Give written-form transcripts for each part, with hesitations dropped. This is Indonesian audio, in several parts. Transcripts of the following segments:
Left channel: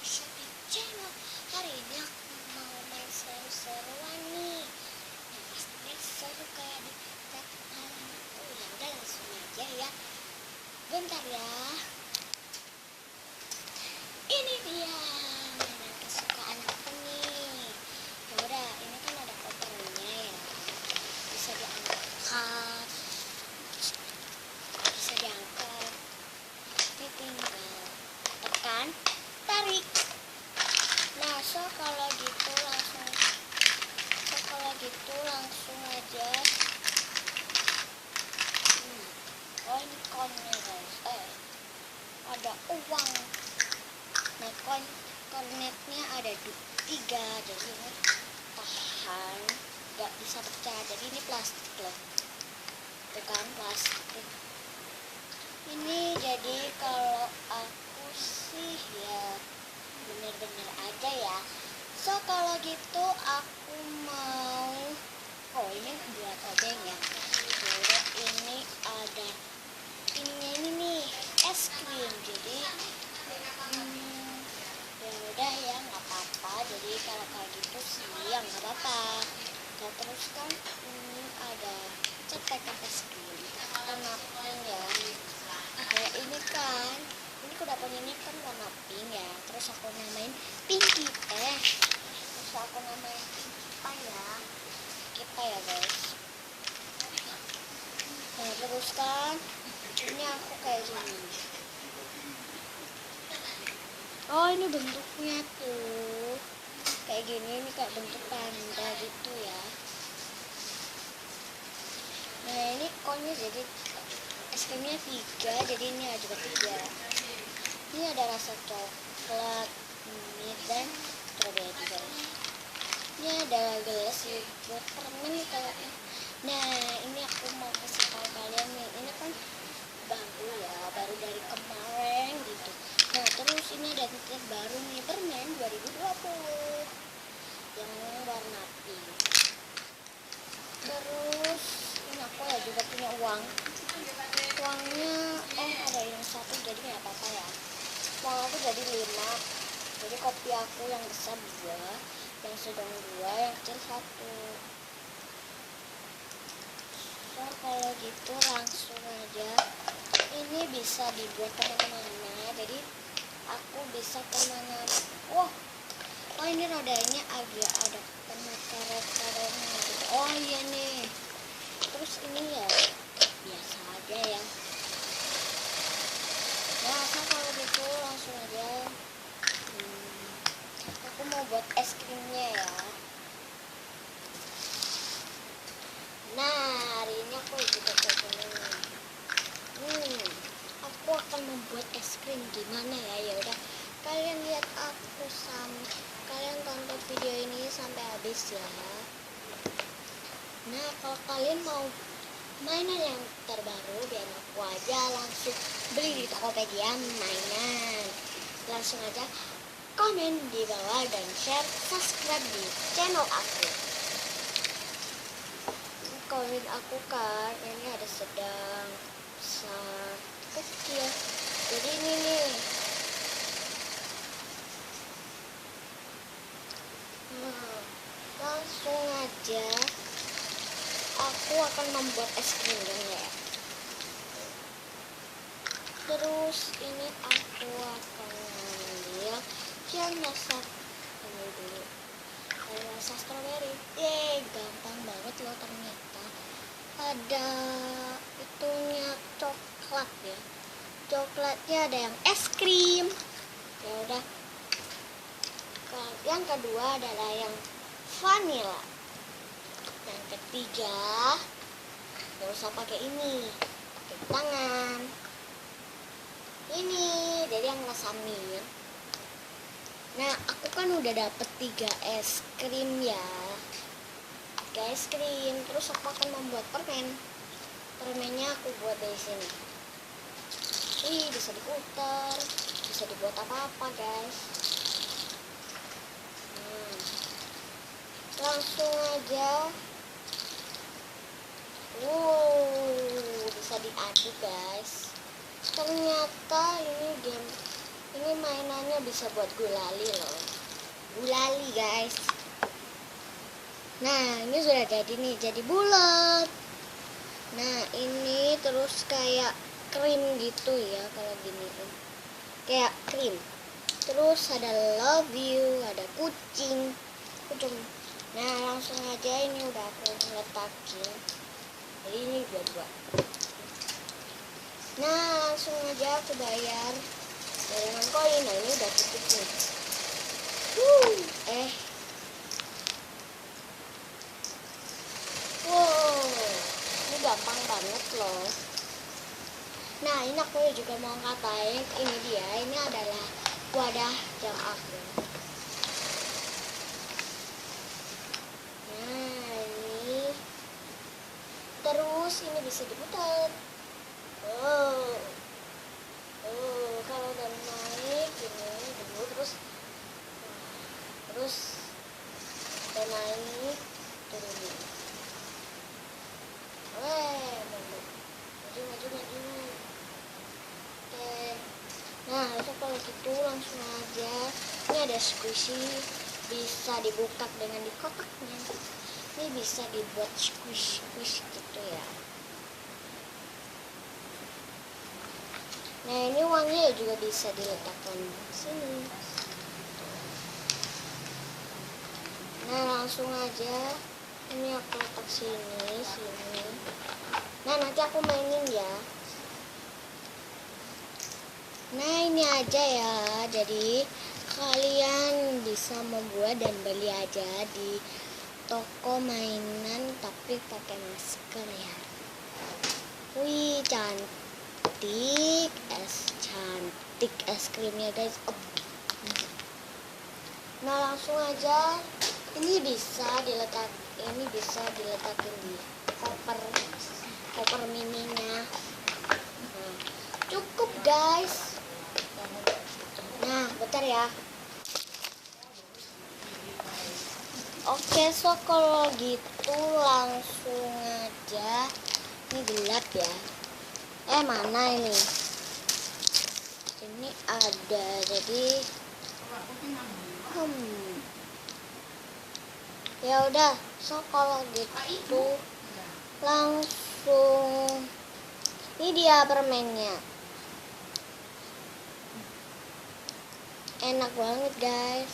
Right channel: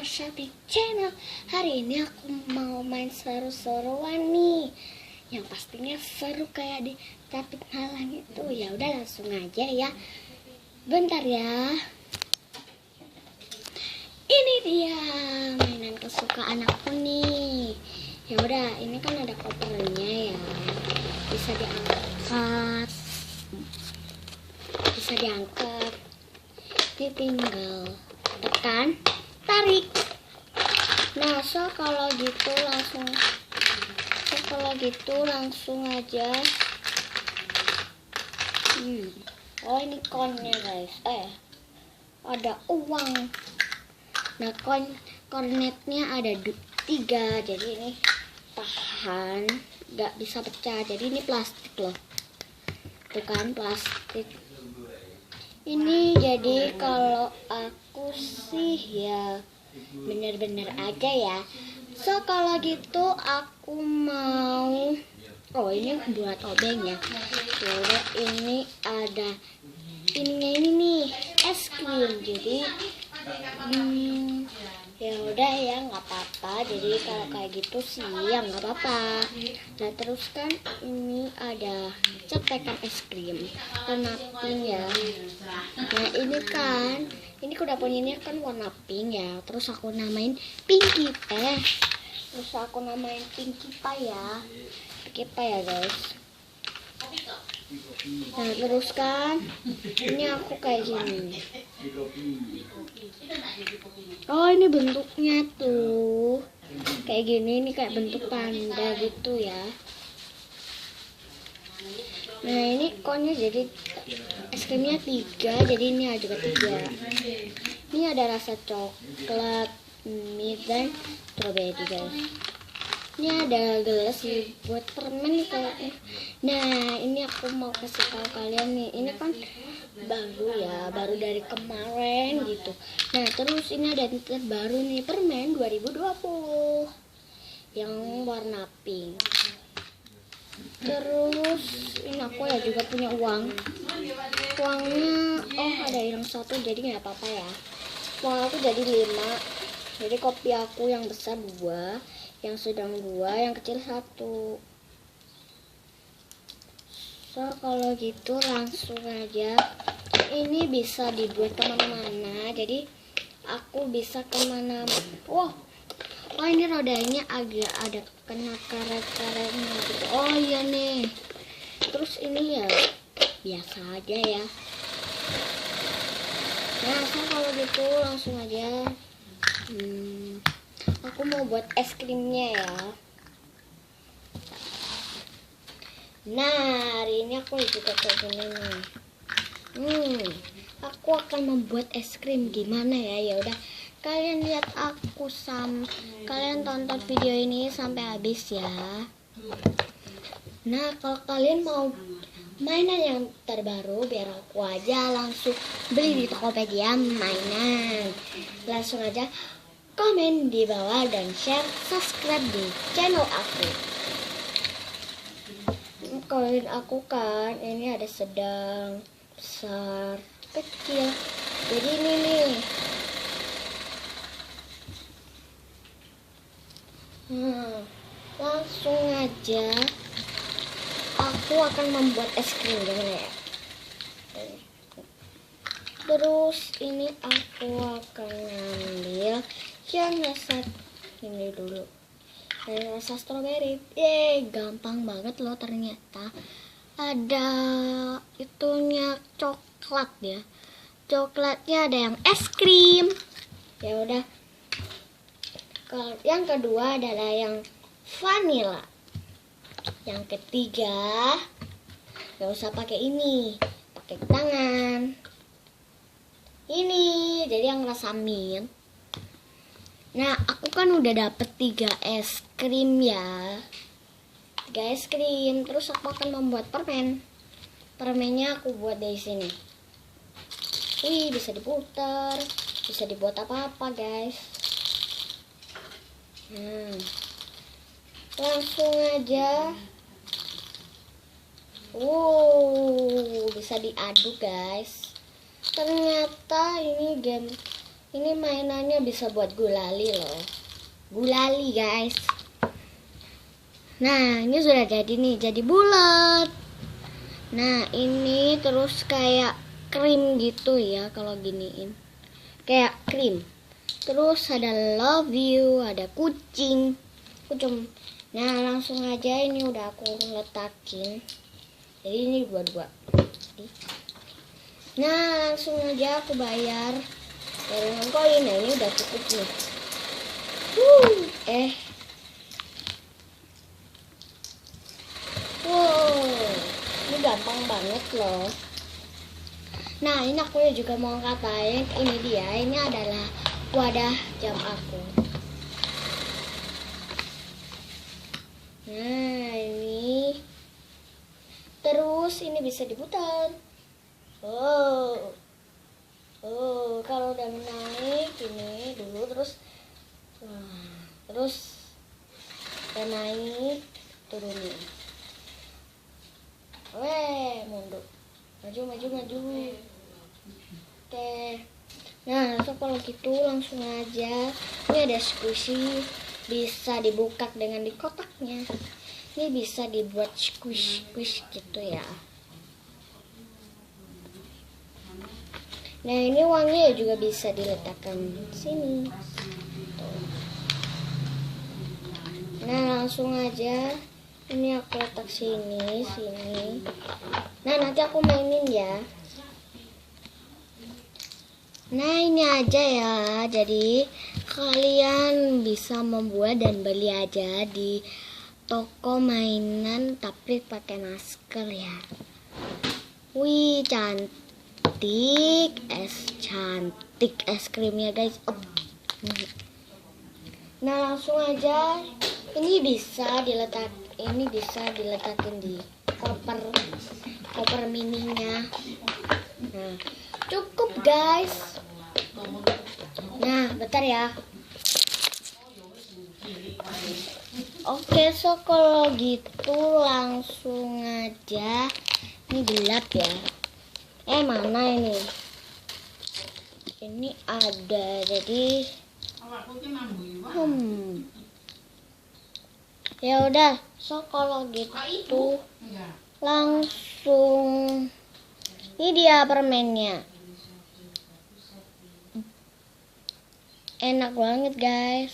Star Shopee Channel. Hari ini aku mau main seru-seruan nih, yang pastinya seru kayak di Capit Malang itu. Ya udah langsung aja ya. Bentar ya. Ini dia mainan kesukaan aku nih. Ya udah, ini kan ada kopernya ya. Bisa diangkat. Ini tinggal tekan, tarik. Nah, kalau gitu langsung aja. Oh, ini konnya guys. Ada uang. Nah, kornetnya ada 3, jadi ini tahan, nggak bisa pecah. Jadi ini plastik loh, itu kan plastik. Ini jadi kalau aku sih ya bener-bener aja ya. Kalau gitu aku mau, ini buat obeng ya. Jadi ini ada ininya ini nih, es krim. Jadi ya udah ya, nggak apa-apa. Jadi kalau kayak gitu sih ya nggak apa-apa. Nah, terus kan ini ada cetekan es krim warna pink ya. Nah, ini udah punya, ini kan warna pink ya. Terus aku namain Pinky Teh. Terus aku namain Pinky Pie ya. Pinky Pie ya guys. Nah, terus kan ini aku kayak gini. Oh, ini bentuknya tuh kayak gini. Ini kayak bentuk panda gitu ya. Nah, ini konnya jadi es krimnya 3, jadi ini juga 3. Ini ada rasa coklat, mint, dan strawberry guys. Ini ada gelas nih buat permen nih kayaknya. Nah, ini aku mau kasih tahu kalian nih, ini kan baru ya, baru dari kemarin gitu. Nah, terus ini ada baru nih, permen 2020 yang warna pink. Terus ini aku ya juga punya uangnya, ada yang 1, jadi nggak apa-apa ya. Uang aku jadi 5, jadi kopi aku yang besar 2, yang sedang 2, yang kecil 1. Kalau gitu langsung aja. Ini bisa dibuat kemana-mana, jadi aku bisa kemana. Ini rodanya agak ada kena karet-karetnya gitu. Oh iya nih. Terus ini ya biasa aja ya. Nah, kalau gitu langsung aja. Aku mau buat es krimnya ya. Nah, hari ini aku juga kayak gini nih. Aku akan membuat es krim gimana ya? Ya udah, kalian lihat aku kalian tonton video ini sampai habis ya. Nah, kalau kalian mau mainan yang terbaru, biar aku aja langsung beli di Tokopedia mainan. Langsung aja komen di bawah dan share, subscribe di channel aku. Koin aku kan ini ada sedang, besar, kecil. Jadi ini nih. Langsung aja aku akan membuat es krim gimana ya. Terus ini aku akan ngambil yang rasa ini dulu, rasa strawberry. Gampang banget loh ternyata. Ada itunya coklat ya. Coklatnya ada yang es krim. Ya udah. Yang kedua adalah yang vanilla. Yang ketiga nggak usah pakai ini, pakai tangan. Ini jadi yang rasa mint. Nah, aku kan udah dapet 3 es krim ya. 3 es krim. Terus aku akan membuat permen. Permennya aku buat dari sini. Bisa diputar, bisa dibuat apa-apa guys. Langsung aja. Bisa diaduk guys. Ternyata ini Ini mainannya bisa buat gulali loh. Gulali guys. Nah ini sudah jadi nih, jadi bulat. Nah ini terus kayak krim gitu ya kalau giniin. Kayak krim. Terus ada love you, ada kucing. Nah langsung aja ini udah aku letakin. Jadi ini dua-dua. Nah langsung aja aku bayar dengan koin. Nah ini udah cukup nih. Wow, ini gampang banget loh. Nah ini aku juga mau katain, ini dia, ini adalah wadah jam aku. Nah ini, terus ini bisa diputar. Oh, kalau udah naik ini dulu terus, terus udah naik turunin. Mundur, maju. Oke. Nah, kalau gitu langsung aja. Ini ada squishy, bisa dibuka dengan di kotaknya. Ini bisa dibuat squish gitu ya. Nah, ini uangnya juga bisa diletakkan sini. Nah, langsung aja. Ini aku letak sini. Nah, nanti aku mainin ya. Nah, ini aja ya. Jadi, kalian bisa membuat dan beli aja di toko mainan tapi pakai masker ya. Wih, cantik es krimnya guys. Nah, langsung aja. Ini bisa diletakin di koper mininya. Nah, cukup guys. Nah, bentar ya. Oke, so kalau gitu langsung aja. Ini gelap ya. Mana ini? Ini ada, jadi ya udah, so kalau gitu langsung ini dia permennya. Enak banget guys.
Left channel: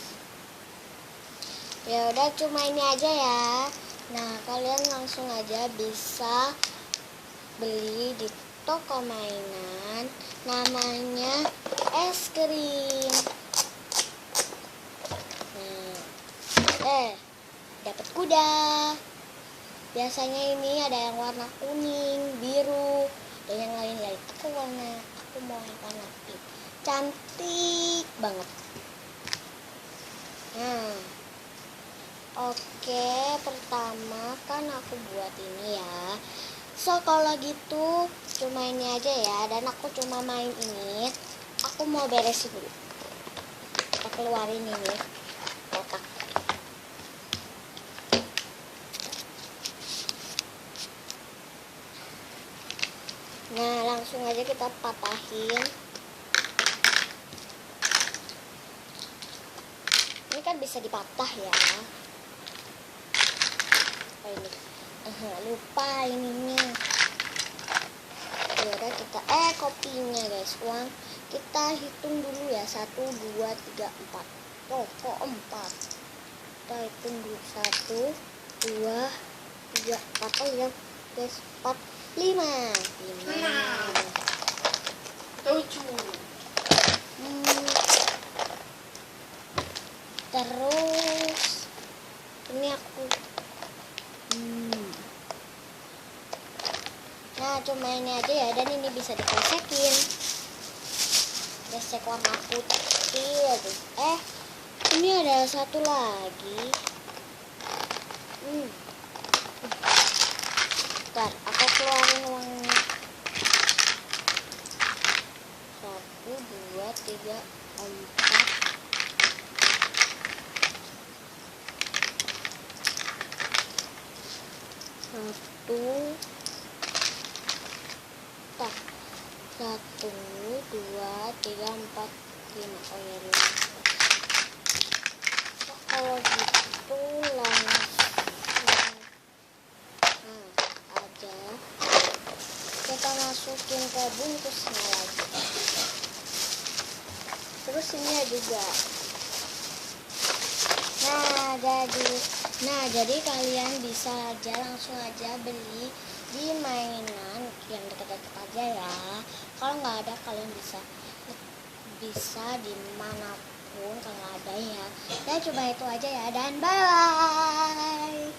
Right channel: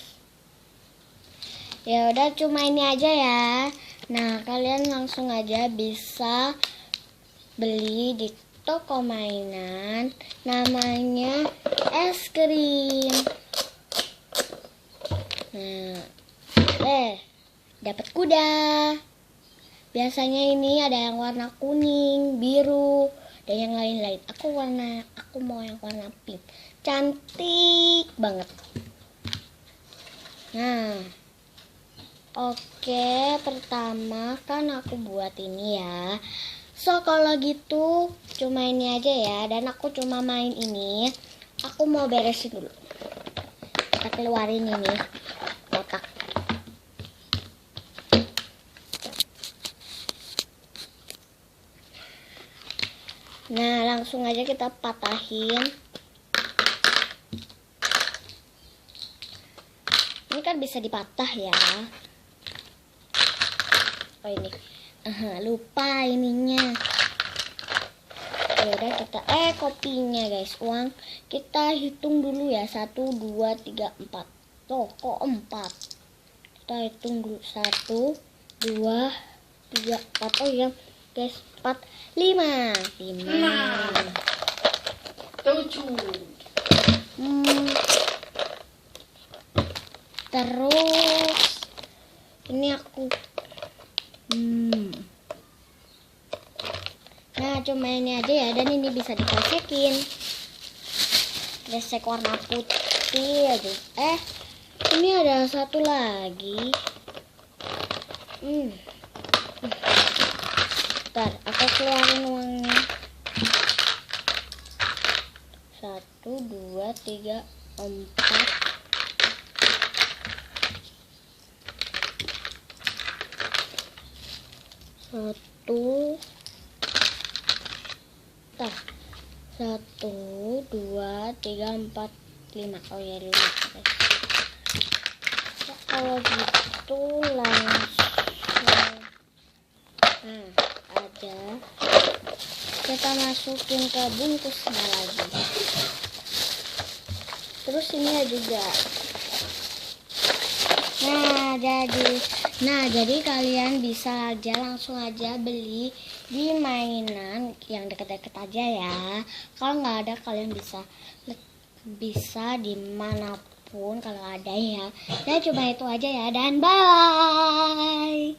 Ya udah, cuma ini aja ya. Nah, kalian langsung aja bisa beli di toko mainan, namanya es krim. Nah, dapat kuda. Biasanya ini ada yang warna kuning, biru, dan yang lain-lain. Aku mau yang warna pink. Cantik banget. Nah, oke, pertama kan aku buat ini ya. So kalau gitu cuma ini aja ya, dan aku cuma main ini. Aku mau beresin dulu. Kita keluarin ini kotak. Nah, langsung aja kita patahin. Ini kan bisa dipatah ya. Oh ini, lupa ininya. Ya udah kita kopinya guys, uang kita hitung dulu ya. 1, 2, 3, 4. Kok 4? Kita hitung dulu. 1, 2, 3, 4. Oh iya guys, 4, 5. 7. Terus ini aku nah cuma ini aja ya, dan ini bisa dikresekin. Kresek warna putih aja. Ini ada satu lagi. Bentar, aku keluarin uangnya. 1, 2, 3, 4. Satu, 1, 2, 3, 4, 5. Oh ya 5. Ya, kalau gitu langsung aja kita masukin ke bungkusnya lagi. Terus ini ya juga. Jadi kalian bisa aja langsung aja beli di mainan yang deket-deket aja ya. Kalau nggak ada kalian bisa dimanapun kalau ada ya. Ya cuma itu aja ya, dan bye.